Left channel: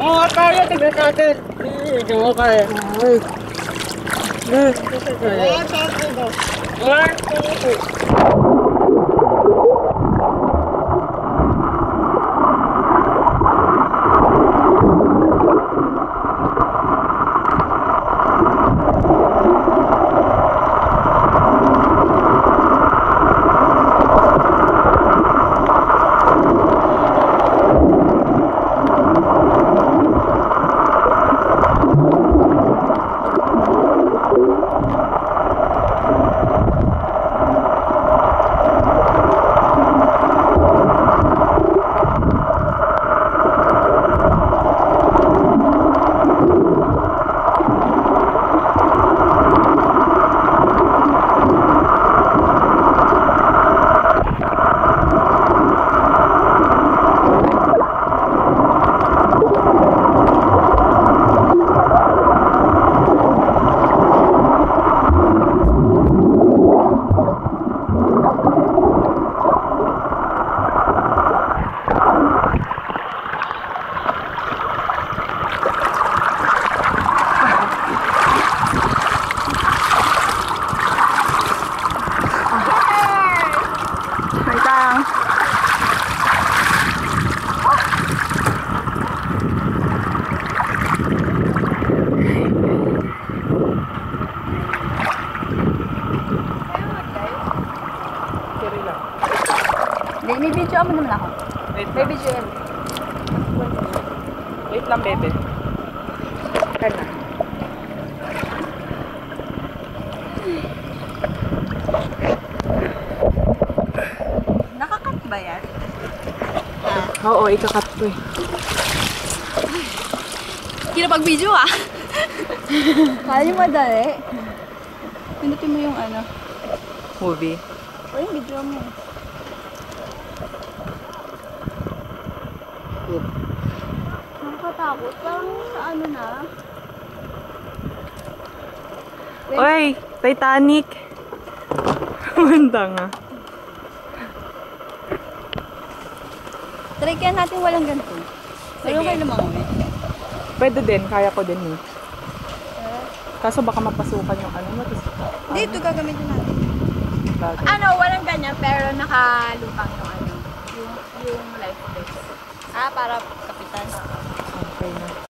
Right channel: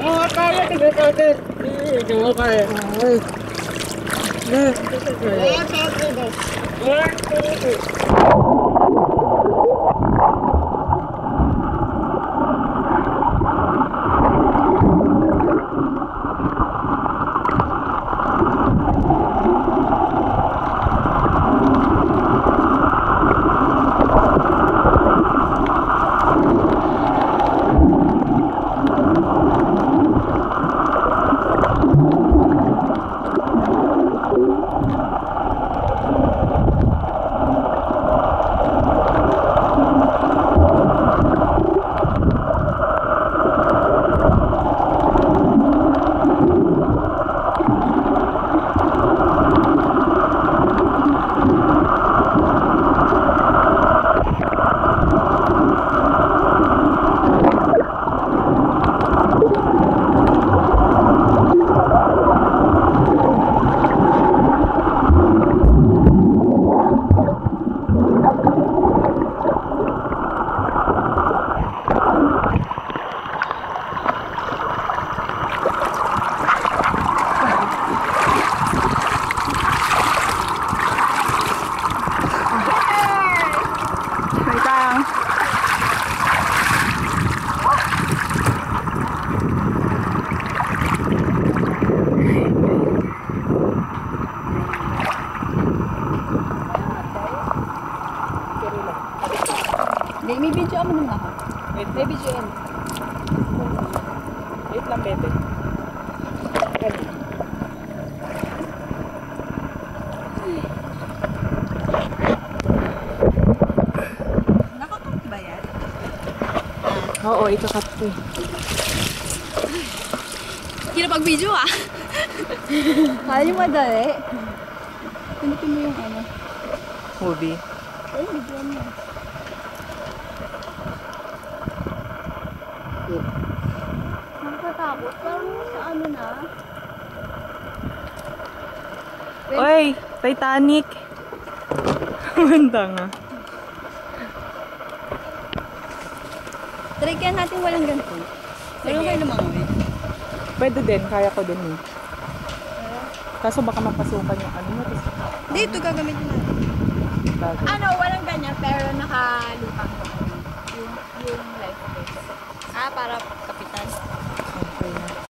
Oo, kaya. Tignan natin. Hindi mo kaya. Wait lang. Hindi, may video mo naman ako. May video yan. Wait lang, bebe. Ano? Nakakat ba yan? Oo, ikakat ko eh. Kinapag-video ah! Kala niyo madali. Pindutin mo yung ano. Movie. Ay, video mo. Nakakatakot. Parang sa ano na. Oy, Titanic. Manda nga. Try kaya natin walang ganito. Pero kayo lumangoy. Pwede din, kaya ko din eh. Kaso baka mapasukan yung ano mo. Hindi, ito gagamitin natin. Bagay. Ano, walang ganyan, pero nakalutang yung ano, yung life vest. Ah, para kapitan. Okay na.